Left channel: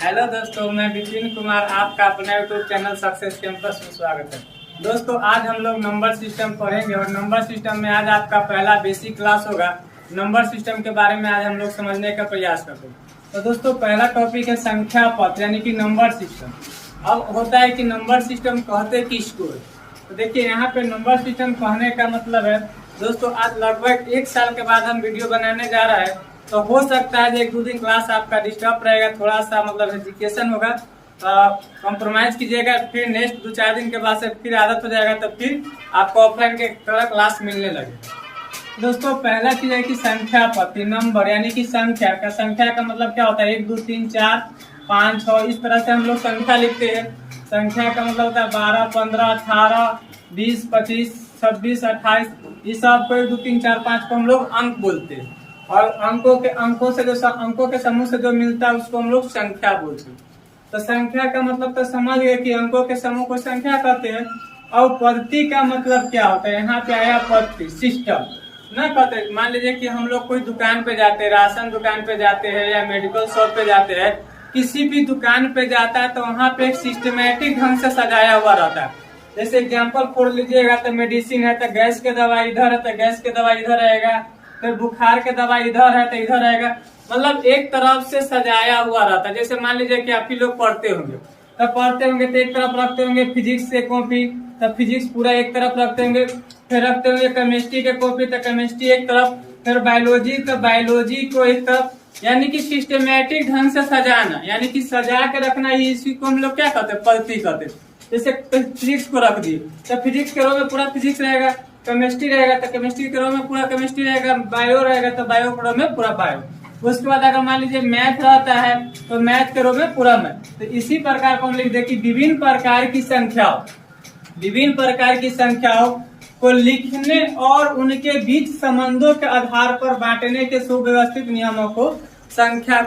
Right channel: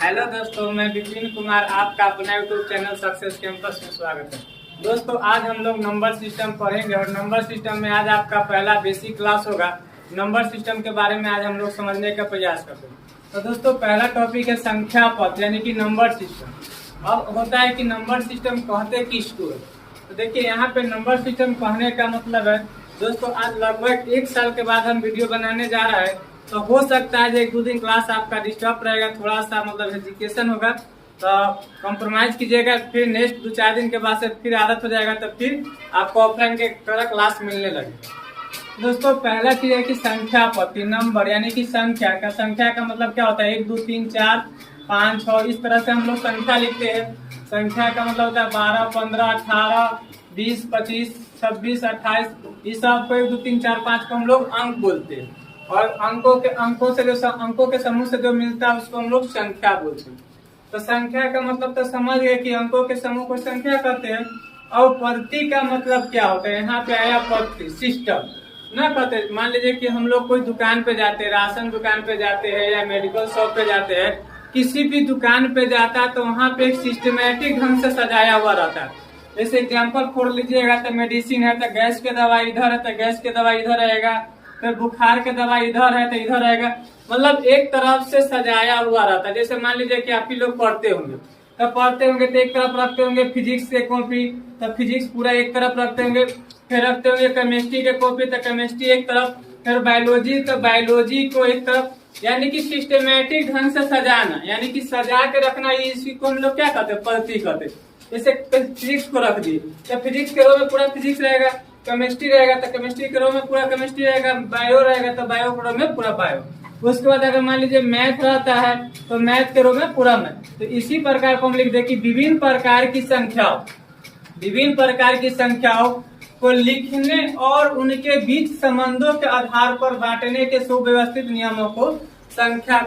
Hello दोस्तों, मैं विपिन कुमार आपका अपना यूट्यूब चैनल सक्सेस कैंपस में स्वागत है। दोस्तों, आज हम लोग नंबर सिस्टम पढ़ेंगे और नंबर सिस्टम में आज आपका पहला बेसिक क्लास होगा। नंबर सिस्टम के बारे में आज हम लोग समझने का प्रयास करते हैं। तो दोस्तों, पहला टॉपिक है संख्या पथ यानी कि नंबर सिस्टम। अब होता है कि नंबर सिस्टम कहते किसको है। तो देखिए, यहाँ पे नंबर सिस्टम कहने का मतलब है दोस्तों, आज लगभग 1 साल के बाद हम वीडियो बनाने जा रहा है। तो हो सकता है 1-2 दिन क्लास आपका डिस्टर्ब रहेगा, थोड़ा सा मतलब एजुकेशन होगा, तो कॉम्प्रोमाइज कीजिएगा। फिर नेक्स्ट 2-4 दिन के बाद से फिर आदत हो जाएगा, तब फिर आपको ऑफलाइन के तरह क्लास मिलने लगेगा। दोस्तों, पहला चीज है कि संख्या पद्धति, नंबर यानी कि संख्या का मतलब क्या होता है? 1 2 3 4 5 6 इस तरह से हम लोग संख्या लिखते हैं। संख्या का मतलब होता है 12 15 18 20 25 26 28। इस सब को 1 2 3 4 5 को हम लोग अंक बोलते हैं। और अंकों के समूह से जो मिलता है उसको हम लोग संख्या बोलते हैं। तो संख्या का मतलब तो समझ गए कि अंकों के समूह को संख्या कहते हैं। और पद्धति का मतलब क्या होता है? यहाँ पे आया पद्धति, सिस्टम ना कहते। मान लीजिए कि हम लोग कोई दुकान पे जाते हैं, राशन दुकान पे जाते हैं या मेडिकल शॉप पे जाते हैं, किसी भी दुकान पे जाता है तो वहाँ पे एक सिस्टमेटिक ढंग से सजाया हुआ रहता है। जैसे एग्जाम्पल खोल लीजिएगा तो मेडिसिन है तो गैस के दवाई इधर है तो गैस के दवाई इधर रहेगा, फिर बुखार के दवाई इधर है तो इधर रहेगा। मतलब एक तरफ से सजाया हुआ रहता है। जैसे मान लीजिए कि आप ही लोग पढ़ते होंगे तो एक तरफ रखते होंगे फिजिक्स से कॉपी, तो फिजिक्स पूरा एक तरफ रखते होंगे। फिर रखते होंगे केमिस्ट्री के कॉपी तो केमिस्ट्री एक तरफ, फिर बायोलॉजी तो बायोलॉजी को एक तरफ। यानी कि सिस्टमेटिक ढंग से सजाना, यानी कि सजा के रखना, इसी को हम लोग क्या कहते हैं? पद्धति कहते हैं। जैसे फिजिक्स को रख दिए तो फिजिक्स के रो में पूरा फिजिक्स रहेगा, केमिस्ट्री रहेगा तो केमिस्ट्री के रो में पूरा केमिस्ट्री रहेगा, बायो रहेगा तो बायो के रो में पूरा बायो। उसके बाद अगर मान लीजिए मैथ रहता है तो मैथ के रो में पूरा मैथ। तो इसी प्रकार को हम लिख दे कि विभिन्न प्रकार की संख्याओं को लिखने और उनके बीच संबंधों के आधार पर बांटने के सुव्यवस्थित नियमों को संख्या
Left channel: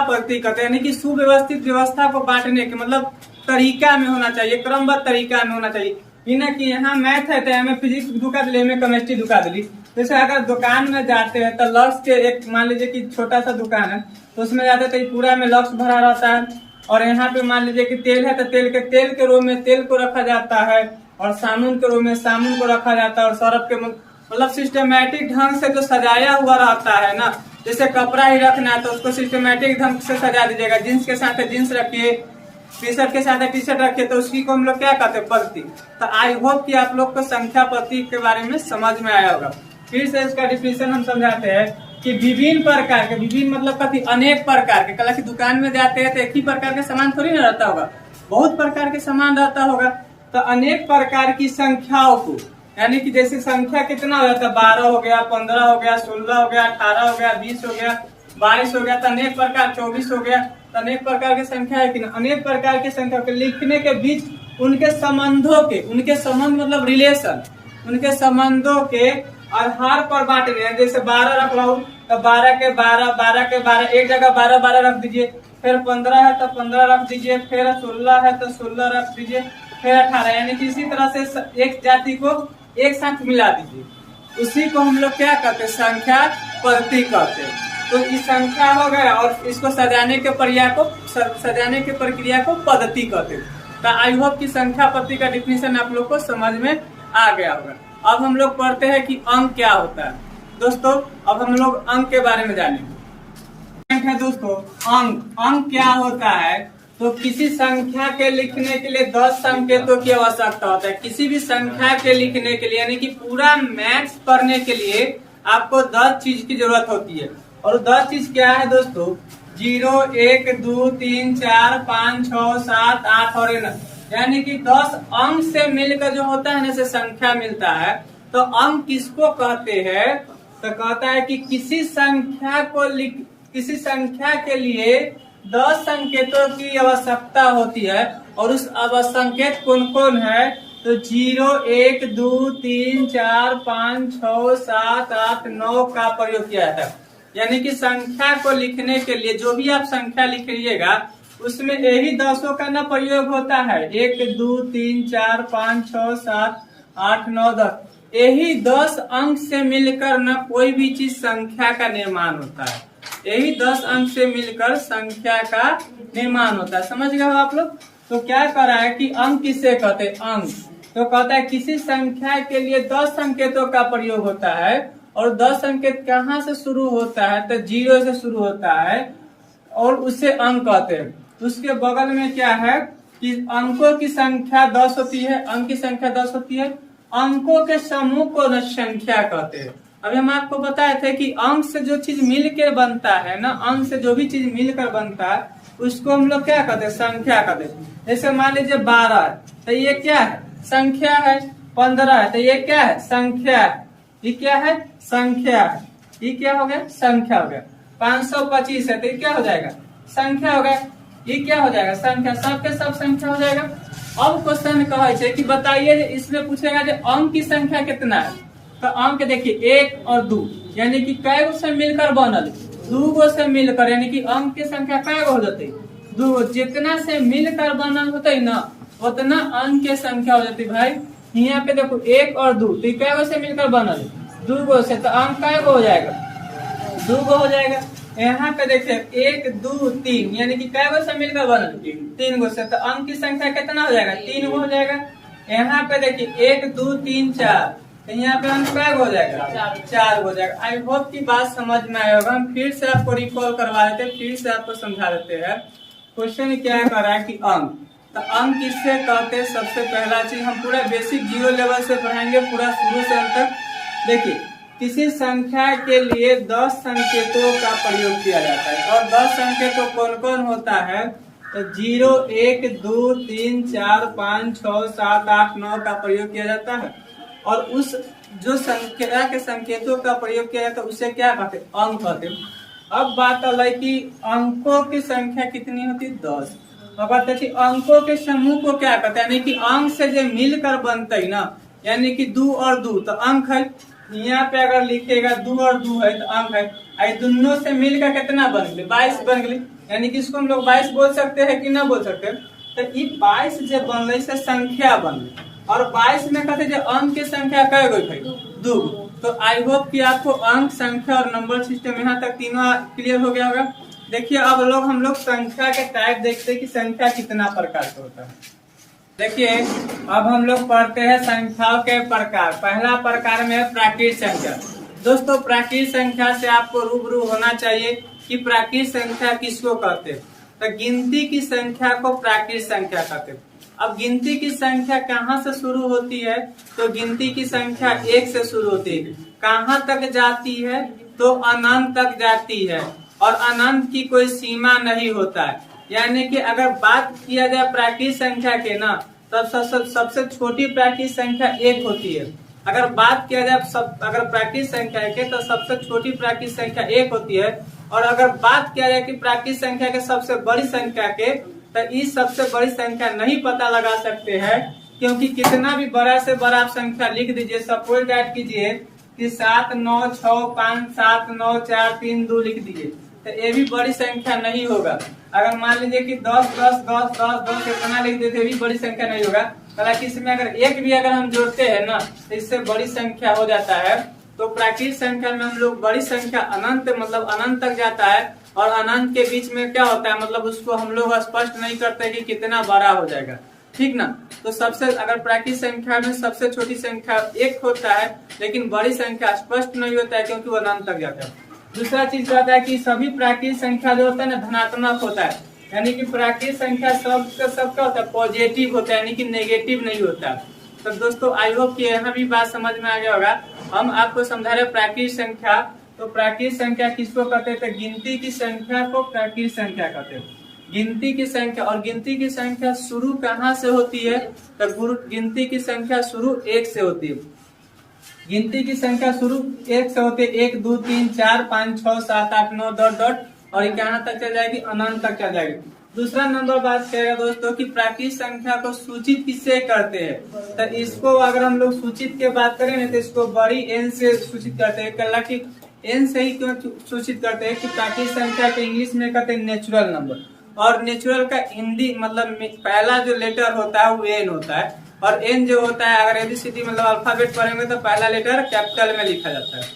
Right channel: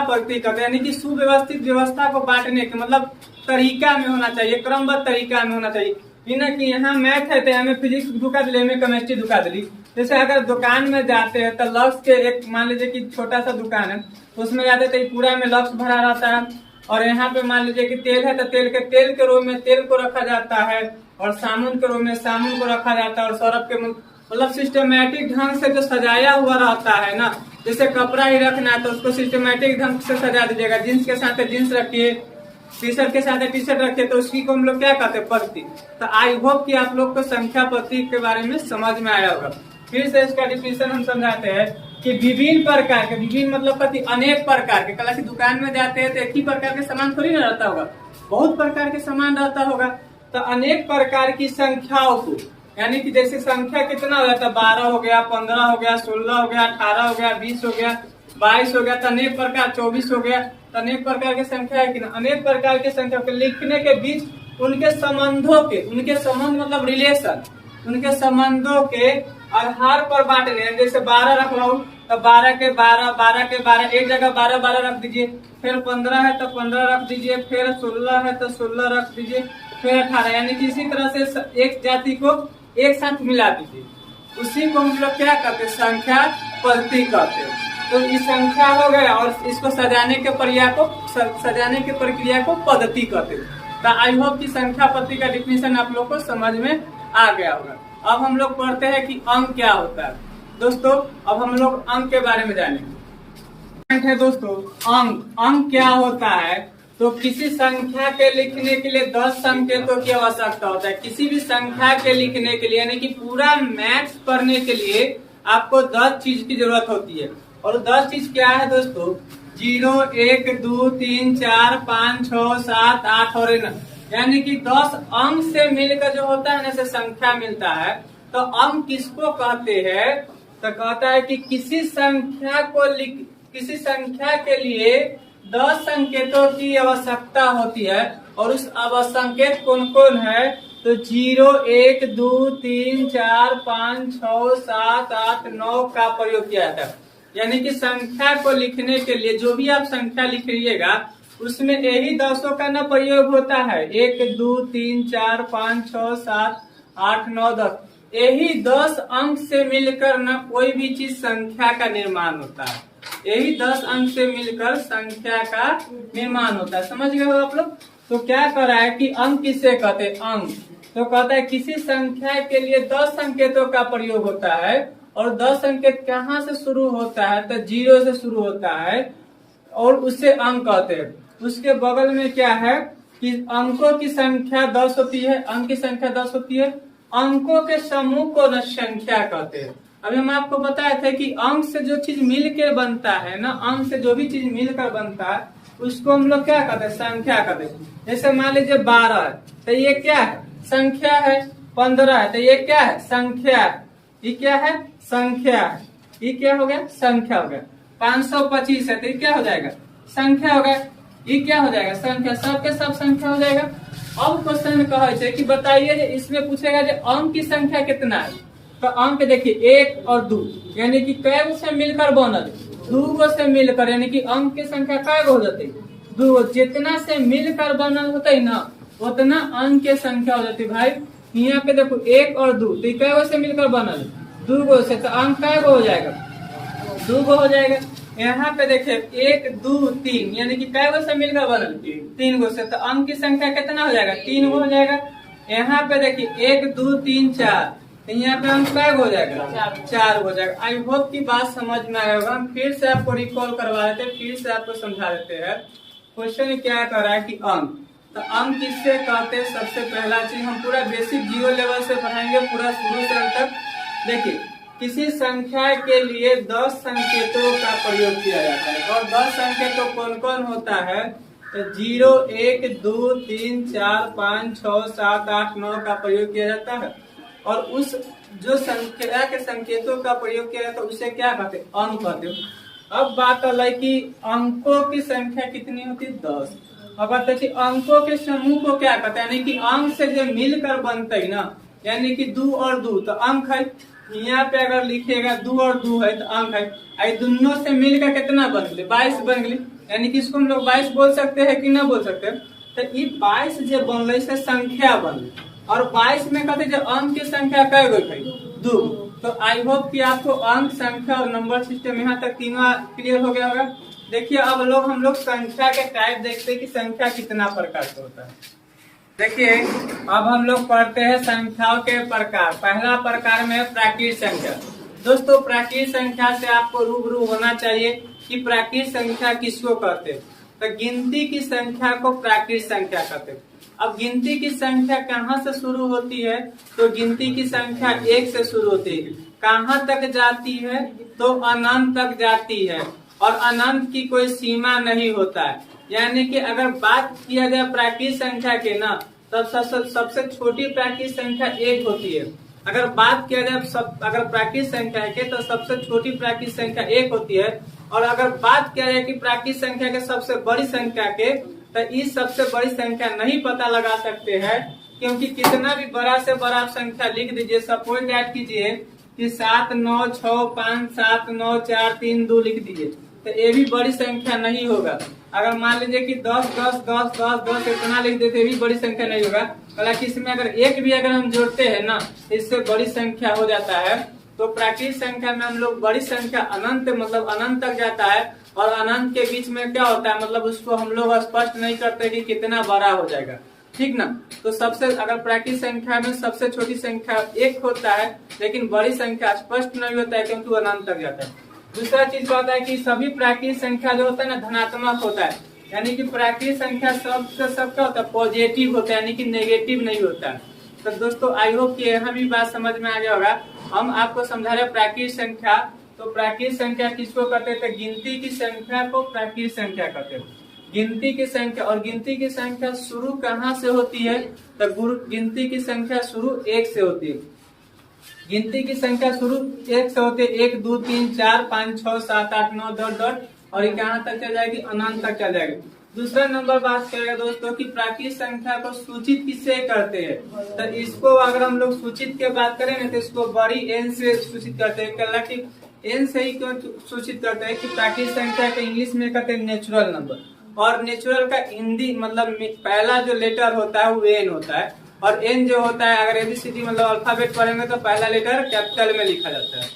पद्धति कहते हैं। यानी कि सुव्यवस्थित व्यवस्था को बांटने के मतलब तरीका में होना चाहिए, क्रमबद्ध तरीका में होना चाहिए। ना कि यहाँ मैथ है तो हमें फिजिक्स दुका दिली, हमें केमिस्ट्री दुका दिली। जैसे अगर दुकान में जाते हैं तो लक्स के एक मान लीजिए कि छोटा सा दुकान है तो उसमें जाते हैं तो पूरा में लक्स भरा रहता है। और यहाँ पे मान लीजिए कि तेल है तो तेल के रो में तेल को रखा जाता है, और साबुन के रो में साबुन को रखा जाता है, और सर्फ के मतलब सिस्टमेटिक ढंग से जो सजाया हुआ रहता है ना। जैसे कपड़ा ही रखना है तो उसको सिस्टमेटिक ढंग से सजा दीजिएगा। जींस के साथ जींस रखिए, टी शर्ट के साथ टी शर्ट रखिए, तो उसी को हम लोग क्या कहते हैं? पद्धति। तो आई होप कि आप लोग को संख्या पद्धति के बारे में समझ में आया होगा। फिर से इसका डिफिनेशन हम समझाते हैं कि विभिन्न मतलब कभी अनेक प्रकार के। कल की दुकान में जाते हैं तो एक ही प्रकार के सामान थोड़ी ना रहता होगा, बहुत प्रकार के सामान रहता होगा। तो अनेक प्रकार की संख्याओं को, यानी कि जैसे संख्या कितना हो जाता है? 12 हो गया, 15 हो गया, 16 हो गया, 18 हो गया, 20 हो गया, 22 हो गया, तो अनेक प्रकार, 24 हो गया, तो अनेक प्रकार की संख्या है कि ना। अनेक प्रकार की संख्या के लिखने के बीच उनके संबंध मतलब रिलेशन, उनके संबंधों के आधार पर बांटे। जैसे 12 रख रहा हूँ तो 12 के 12 एक जगह 12 रख दीजिए, फिर 15 है तो 15 रख दीजिए, फिर 16 है तो 16 रख दीजिए, फिर 18। यानी कि इसी तरह से एक जाति को एक साथ मिला दीजिए। उसी को हम लोग क्या कहते हैं? संख्या पद्धति कहते हैं। तो इस संख्या हो गया और इसको सजाने के प्रक्रिया को पद्धति कहते हैं। तो आई होप कि संख्या पद्धति का डिफिनेशन आप लोग को समझ में आ गया होगा। अब हम लोग पढ़ते हैं कि अंक क्या होता है। दोस्तों, अब हम लोग अंक के बारे में जानेंगे। दोस्तों, अंक क्या होता है? तो किसी संख्या के लिखने के लिए 10 संकेतों की आवश्यकता होता है। किसी भी संख्या के लिखने के लिए, यानी कि पूरा मैथ्स पढ़ने के लिए आपको 10 चीज की जरूरत होती है। और 10 चीज क्या है दोस्तों? 0 1 2 3 4 5 6 7 8 और 9। यानी कि 10 अंक से मिलकर जो होता है जैसे संख्या मिलता है। तो अंक किसको कहते हैं? तो कहता है कि किसी संख्या के लिए 10 संकेतों की आवश्यकता होती है। और उस संकेत कौन कौन है? तो 0 1 2 3 4 5 6 7 8 9 का प्रयोग किया जाता है। यानी कि संख्या को लिखने के लिए जो भी आप संख्या लिखिएगा उसमें यही 10 का ना प्रयोग होता है। 1 2 3 4 5 6 7 8 9 10, यही 10 अंक से मिलकर न कोई भी चीज संख्या का निर्माण होता है। यही 10 अंक से मिलकर संख्या का निर्माण होता है। समझ गए हो आप लोग। तो क्या कर रहा है कि अंक किससे कहते हैं, अंक। तो कहता है किसी संख्या के लिए 10 संकेतों का प्रयोग होता है और 10 संकेत कहाँ से शुरू होता है, तो 0 से शुरू होता है और उससे अंक कहते हैं। उसके बगल में क्या है कि अंकों की संख्या 10 होती है, अंक की संख्या 10 होती है। अंकों के समूह को न संख्या कहते हैं। अभी हम आपको बताए थे कि अंक से जो चीज मिलकर बनता है ना, अंक से जो भी चीज मिलकर बनता है उसको हम लोग क्या कहते हैं, संख्या कहते हैं। जैसे मान लीजिए 12 है तो ये क्या है, संख्या है। 15 है तो ये क्या है, संख्या है। ये क्या है, संख्या है। ये क्या हो गया, संख्या हो गया। 525 है तो ये क्या हो जाएगा, संख्या हो गया। ये क्या हो जाएगा, संख्या। सब के सब संख्या हो जाएगा। अब क्वेश्चन कहे कि बताइए, इसमें पूछेगा जो अंक की संख्या कितना है। तो अंक देखिए 1 और 2 यानी कि कै गो से मिलकर बनल, 2 गो से मिलकर, यानी कि अंक की संख्या कै गो हो जाती, 2 गो। जितना से मिलकर बनल होते ना उतना अंक की संख्या हो जाती भाई। यहाँ पे देखो 1 और 2 तो कै गो से मिलकर बनल, 2 गो से, तो अंक कै गो हो जाएगा, 2 गो हो जाएगा। यहाँ पे देखिए 1 2 3 यानी कि कै गो से मिलकर बनल, 3 गो से, तो अंक की संख्या कितना हो जाएगा, 3 गो हो जाएगा। यहाँ पे देखिए 1 2 3 4 तो यहाँ पे अंक कै गो हो जाएगा, 4 गो हो जाएगा। आई होप की बात समझ में आया होगा। हम फिर से आपको रिकॉल करवा देते हैं, फिर से आपको समझा देते हैं। क्वेश्चन क्या कर रहा है कि अंक, तो अंक किससे कहते हैं। सबसे पहला चीज हम पूरा बेसिक 0 लेवल से पढ़ाएंगे, पूरा शुरू से अंत तक। देखिए किसी संख्या के लिए 10 संकेतों का प्रयोग किया जाता है और 10 संकेतों कौन कौन होता है, तो 0 1 2 3 4 5 6 7 8 9 का प्रयोग किया जाता है। और उस जो संख्या के संकेतों का प्रयोग किया जाता है उसे क्या कहते हैं, अंक कहते हैं। अब बात अलग कि अंकों की संख्या कितनी होती है, 10। अब बात है अंकों के समूह को क्या कहते हैं, यानी कि अंक से जो मिलकर बनते है ना, यानी कि 2 और 2 तो अंक है। यहाँ पे अगर लिखेगा 2 और 2 है तो अंक है। आई दोनों से मिलकर कितना बन गए, 22 बन गए। यानी कि इसको हम लोग 22 बोल सकते हैं कि ना बोल सकते। तो ये 22 जो बन रही से संख्या बन गई और 22 में कहते जो अंक की संख्या कै गो भाई, 2। तो आई होप कि आपको अंक, संख्या और नंबर सिस्टम यहाँ तक तीनों क्लियर हो गया होगा। देखिए अब हम लोग संख्या के टाइप देखते हैं कि संख्या कितना प्रकार का होता है। देखिए अब हम लोग पढ़ते हैं संख्याओं के प्रकार। पहला प्रकार में है प्राकृत संख्या। दोस्तों प्राकृत संख्या से आपको रूबरू होना चाहिए कि प्राकृत संख्या किसको कहते हैं। तो गिनती की संख्या को प्राकृत संख्या कहते हैं। अब गिनती की संख्या कहाँ से शुरू होती है, तो गिनती की संख्या 1 से शुरू होती है। कहाँ तक जाती है, तो अनंत तक जाती है और अनंत की कोई सीमा नहीं होता है। यानी कि अगर बात किया जाए प्राकृत संख्या के ना, तब सबसे छोटी प्राकृत संख्या 1 होती है। अगर बात किया जाए अगर प्राकृत संख्या के, तो सबसे छोटी प्राकृत संख्या 1 होती है। और अगर बात किया जाए कि प्राकृत संख्या के सबसे बड़ी संख्या के, तो इस सबसे बड़ी संख्या नहीं पता लगा सकते हैं, क्योंकि कितना भी बड़ा से बड़ा आप संख्या लिख दीजिए। सपोज दैट कीजिए कि 7 9 6 5 7 9 4 3 2 लिख दीजिए, तो ये भी बड़ी संख्या नहीं होगा। अगर मान लीजिए कि 10 10 10 10 10 इतना लिख देते, भी बड़ी संख्या नहीं होगा। हालांकि इसमें अगर एक भी अगर हम जोड़ते हैं ना, तो इससे बड़ी संख्या हो जाता है। तो प्राकृत संख्या में हम लोग बड़ी संख्या अनंत, मतलब अनंत तक जाता है और अनंत के बीच में क्या होता है, मतलब उसको हम लोग स्पष्ट नहीं करते कि कितना बड़ा हो जाएगा, ठीक ना। तो सबसे अगर प्राकृत संख्या में सबसे छोटी संख्या 1 होता है, लेकिन बड़ी संख्या स्पष्ट नहीं होता है क्योंकि वो अनंत तक जाता है। दूसरा चीज क्या होता है कि सभी प्राकृत संख्या जो होता है ना धनात्मक होता है, यानी कि प्राकृत संख्या सबका होता है पॉजिटिव होता है, यानी कि नेगेटिव नहीं होता है। तो दोस्तों आई होप कि यहाँ भी बात समझ में आ गया होगा। हम आपको समझा रहे प्राकृत संख्या। तो प्राकृत संख्या किसको कहते हैं, तो गिनती की संख्या को प्राकृत संख्या कहते हैं। गिनती की संख्या, और गिनती की संख्या शुरू कहाँ से होती है, तो गिनती की संख्या शुरू 1 से होती है। गिनती की संख्या शुरू 1 से होती है। 1 2 3 4 5 6 7 8 9 डॉट डॉट, और ये कहाँ तक चल जाएगी, अनंत तक चल जाएगी। दूसरा नंबर बात करेगा दोस्तों कि प्राकृत संख्या को सूचित किससे करते हैं, तो इसको अगर हम लोग सूचित के बात करें ना, तो इसको बड़ी एन से सूचित करते हैं। हालांकि एन से ही क्यों सूचित करते हैं कि प्राकृत संख्या के इंग्लिश में कहते हैं नेचुरल नंबर, और नेचुरल का हिंदी मतलब पहला जो लेटर होता है वो एन होता है। और एन जो होता है, अगर एबीसीडी मतलब अल्फाबेट पढ़ेंगे तो पहला लेटर कैपिटल में लिखा जाता है।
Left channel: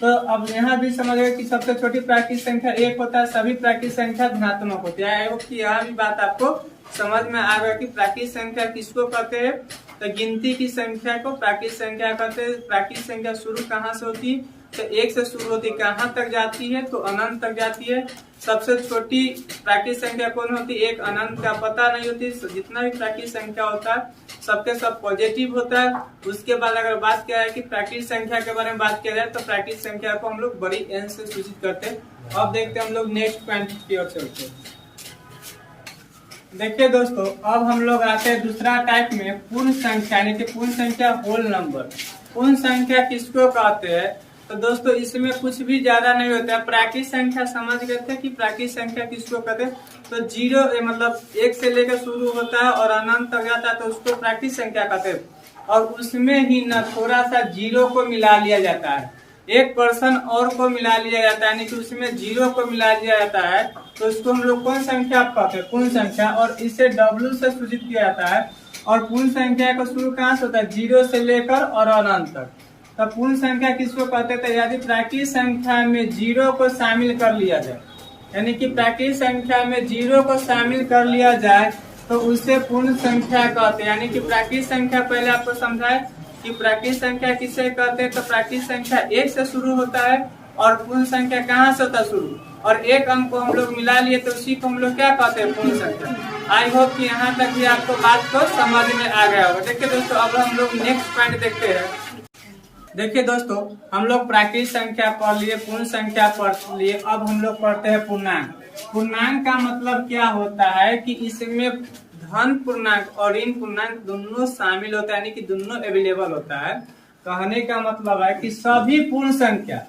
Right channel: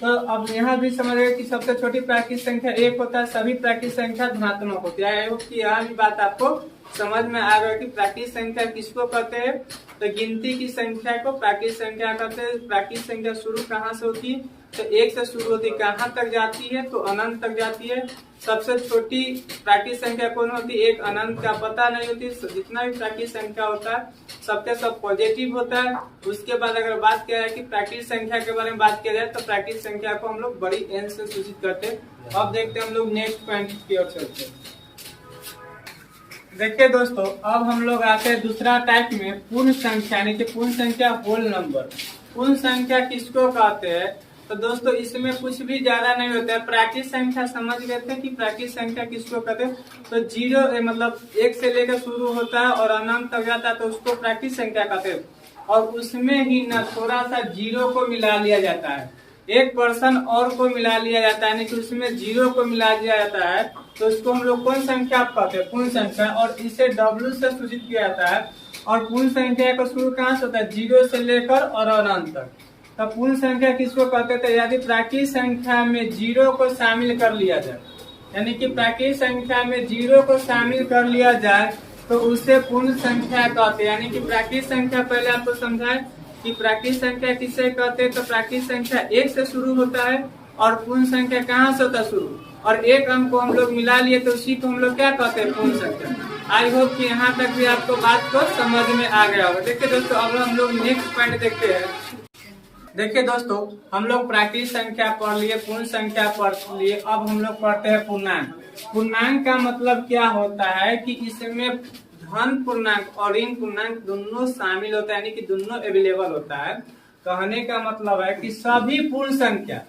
तो अब यहाँ भी समझ गए कि सबसे छोटी प्राकृतिक संख्या 1 होता है, सभी प्राकृतिक संख्या धनात्मक होती है। कि यहाँ भी बात आपको समझ में आ गया कि प्राकृतिक संख्या किसको कहते हैं। तो गिनती की संख्या को प्राकृतिक संख्या कहते हैं। प्राकृतिक संख्या शुरू कहाँ से होती है, तो 1 से शुरू होती है, कहाँ तक जाती है, तो अनंत तक जाती है। सबसे छोटी प्राकृतिक संख्या कौन होती है, एक अनंत का पता नहीं होती। जितना भी प्राकृतिक संख्या होता है सबके सब पॉजिटिव होता है। उसके बाद अगर बात किया है कि प्राकृतिक संख्या के बारे में बात किया जाए तो प्राकृतिक संख्या को हम लोग बड़ी एन से सूचित करते हैं। अब देखते हैं हम लोग नेक्स्ट पॉइंट की ओर चलते हैं। देखिए दोस्तों, अब हम लोग आते हैं दूसरा टाइप में, पूर्ण संख्या यानी कि पूर्ण संख्या होल नंबर। पूर्ण संख्या किसको कहते हैं, तो दोस्तों इसमें कुछ भी ज्यादा नहीं होता है। प्राकृतिक संख्या समझ गए थे कि प्राकृतिक संख्या किसको कहते हैं, तो 0 मतलब 1 से लेकर शुरू होता है और अनंत तक जाता है तो उसको प्राकृतिक संख्या कहते हैं। और उसमें ही न थोड़ा सा 0 को मिला लिया जाता है, 1% और को मिला लिया जाता है, यानी कि उसमें 0 को मिला दिया जाता है तो उसको हम लोग कौन संख्या कहते हैं, पूर्ण संख्या। और इसे W से सूचित किया जाता है। और पूर्ण संख्या का शुरू कहाँ से होता है, 0 से लेकर और अनंत तक। तो पूर्ण संख्या किसको कहते थे, यदि प्राकृतिक संख्या में 0 को शामिल कर लिया जाए, यानी कि प्राकृतिक संख्या में 0 को शामिल कर लिया जाए तो उसे पूर्ण संख्या कहते हैं। यानी कि प्राकृतिक संख्या पहले आपको समझाए कि प्राकृतिक संख्या किसे कहते हैं, तो प्राकृतिक संख्या 1 से शुरू होता है और पूर्ण संख्या कहाँ से होता है शुरू, और एक अंक को हम लोग मिला लिए तो उसी को हम लोग क्या कहते हैं, पूर्ण संख्या। आई होप कि यहाँ तक भी आपको बात को समझ में आ गया होगा। देखिए दोस्तों, अब हम लोग नेक्स्ट पॉइंट देखते हैं। देखिए दोस्तों, हम लोग प्राकृतिक संख्या पढ़ लिए, पूर्ण संख्या पढ़ लिए, अब हम लोग पढ़ते हैं पूर्णांक। पूर्णांक का मतलब क्या होता है कि इसमें धन पूर्णांक और ऋण पूर्णांक दोनों शामिल होता है, यानी कि दोनों अवेलेबल होता है। कहने का मतलब है कि सभी पूर्ण संख्या,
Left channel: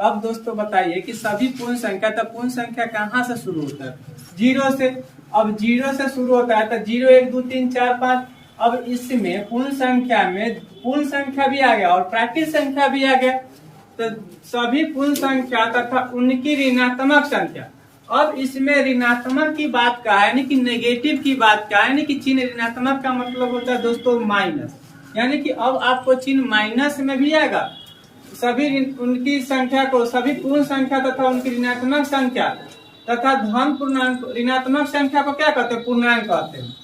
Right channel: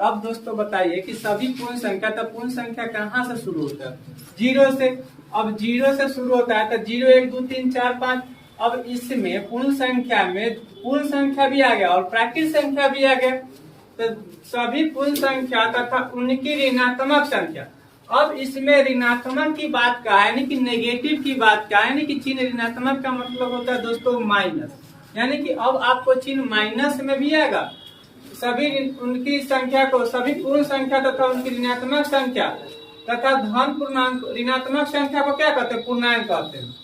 अब दोस्तों बताइए कि सभी पूर्ण संख्या, तो पूर्ण संख्या कहाँ से शुरू होता है, 0 से। अब 0 से शुरू होता है तो 0 1 2 3 4 5। अब इसमें पूर्ण संख्या में पूर्ण संख्या भी आ गया और प्राकृतिक संख्या भी आ गया, तो सभी पूर्ण संख्या तथा उनकी ऋणात्मक संख्या। अब इसमें ऋणात्मक की बात का है, यानी कि नेगेटिव की बात का है, यानी कि चिन्ह ऋणात्मक का मतलब होता है दोस्तों माइनस, यानी कि अब आपको चिन्ह माइनस में भी आएगा। सभी उनकी संख्या को, सभी पूर्ण संख्या तथा उनकी ऋणात्मक संख्या तथा धन पूर्णांक, ऋणात्मक संख्या को क्या कहते हैं, पूर्णांक कहते हैं।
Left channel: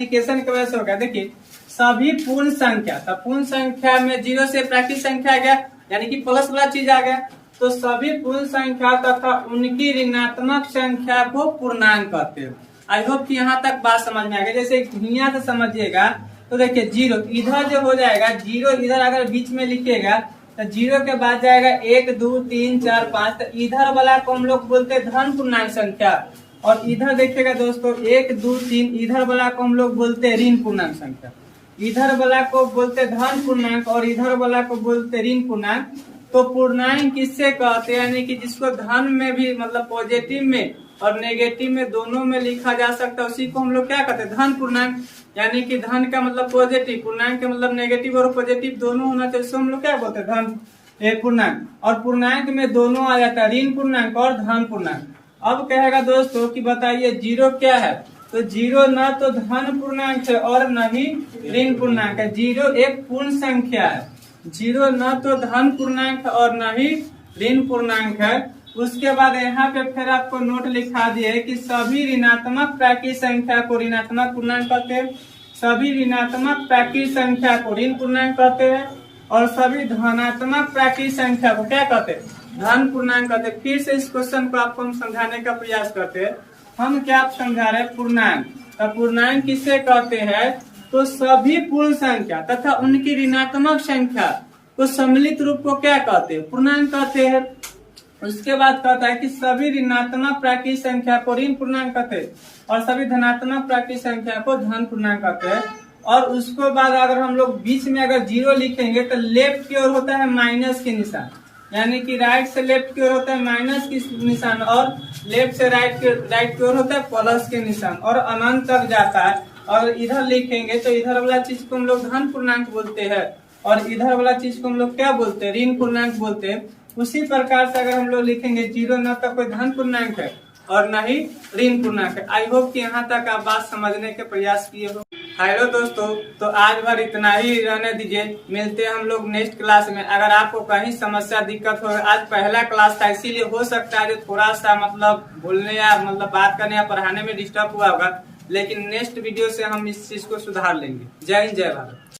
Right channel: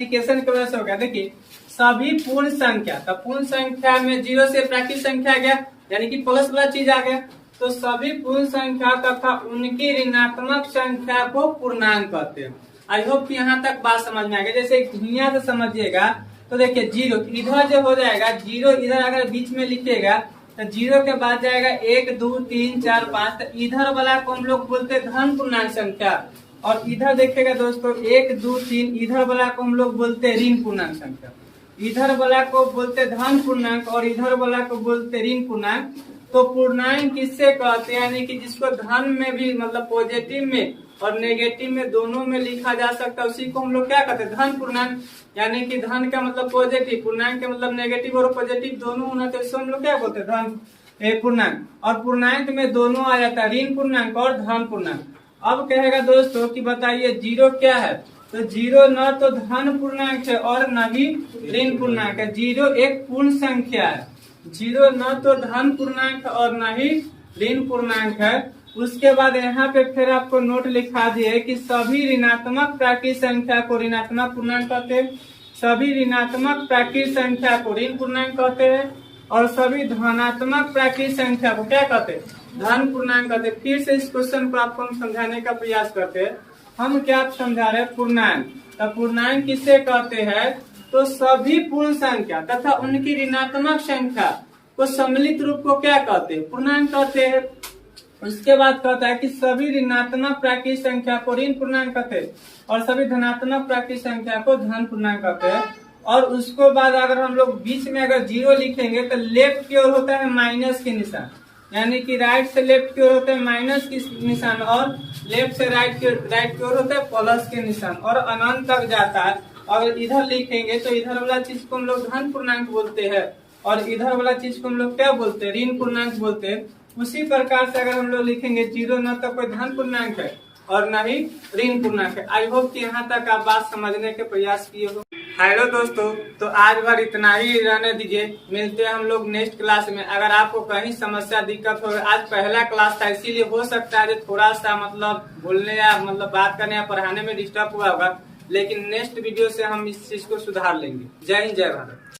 इंडिकेशन की वजह से हो गया। देखिए सभी पूर्ण संख्या, तो पूर्ण संख्या में 0 से प्राकृतिक संख्या आ गया, यानी कि प्लस वाला चीज आ गया, तो सभी पूर्ण संख्या तथा उनकी ऋणात्मक संख्या को पूर्णांक कहते हैं। आई होप कि यहाँ तक बात समझ में आ गई। जैसे दुनिया से समझिएगा तो देखिए 0 इधर जो हो जाएगा, 0 इधर अगर बीच में लिखेगा तो 0 के बाद जाएगा 1 2 3 4 5, तो इधर वाला को हम लोग बोलते हैं धन पूर्णांक संख्या। और इधर देखिएगा दोस्तों 1 2 3, इधर वाला को हम लोग बोलते हैं ऋण पूर्णांक संख्या। इधर वाला को बोलते धन पूर्णांक और इधर वाला को बोलते ऋण पूर्णांक। तो पूर्णांक किससे कहते हैं, यानी कि जिसको धन में भी मतलब पॉजिटिव में और नेगेटिव में दोनों में लिखा जा सकता है, उसी को हम लोग क्या कहते हैं, धन पूर्णांक। यानी कि धन का मतलब पॉजिटिव, पूर्णांक का मतलब नेगेटिव और पॉजिटिव दोनों होना चाहिए, इसको हम लोग क्या बोलते हैं, धन पूर्णांक। और पूर्णांक में दोनों आ जाता है, ऋण पूर्णांक और धन पूर्णांक। अब कहेगा दोस्तों कि बताइए 0 क्या है, तो 0 न तो धन पूर्णांक है और न ही ऋण पूर्णांक है। 0 एक पूर्ण संख्या है, 0 न तो धन पूर्णांक और न ही ऋण पूर्णांक है। उसके बाद यहाँ पे फिर आपको नोट लिखा दिए कि सभी ऋणात्मक प्राकृतिक संख्या को ऋणात्मक पूर्णांक कहते हैं, सभी ऋणात्मक प्राकृतिक संख्या को ऋण पूर्णांक कहते हैं, और सभी धनात्मक प्राकृतिक संख्या को क्या कहते हैं, धन पूर्णांक कहते हैं। फिर से इस क्वेश्चन को आपको हम समझाने का प्रयास करते हैं। हम क्या समझा रहे हैं, पूर्णांक। तो पूर्णांक किसे कहते हैं, तो सभी पूर्ण संख्या तथा उनकी ऋणात्मक संख्या को सम्मिलित रूप को क्या कहते हैं, पूर्णांक कहते हैं। उसके बाद कहता है कि सभी ऋणात्मक प्राकृतिक संख्या को ऋण पूर्णांक कहते हैं और सभी धनात्मक प्राकृतिक संख्या को धन पूर्णांक कहते हैं। और उसके बाद अगर हम लोग बीच में अगर 0 लिखेंगे तो लेफ्ट की ओर होता है माइनस के निशान, यानी कि राइट से लेफ्ट की ओर होता है माइनस की निशान और लेफ्ट से राइट की ओर होता है प्लस के निशान, और अनंत तक जाता है। और इधर लिखेंगे तो इधर वाला चीज को हम लोग धन पूर्णांक बोलते हैं और इधर वाला चीज को हम लोग क्या बोलते हैं, ऋण पूर्णांक बोलते हैं। उसी प्रकार से अगर हम लोग लिखेंगे 0 न तो कोई धन पूर्णांक है और न ही ऋण पूर्णांक है। आई होप कि यहाँ तक आप बात समझने के प्रयास किए हो। हेलो दोस्तों, तो आज भर इतना ही रहने दीजिए। मिलते हैं हम लोग नेक्स्ट क्लास में। अगर आपको कहीं समस्या दिक्कत हो, आज पहला क्लास था इसीलिए हो सकता है जो थोड़ा सा बोलने या बात करने या पढ़ाने में डिस्टर्ब हुआ होगा, लेकिन नेक्स्ट वीडियो से हम इस चीज को सुधार लेंगे। जय हिंद, जय भारत।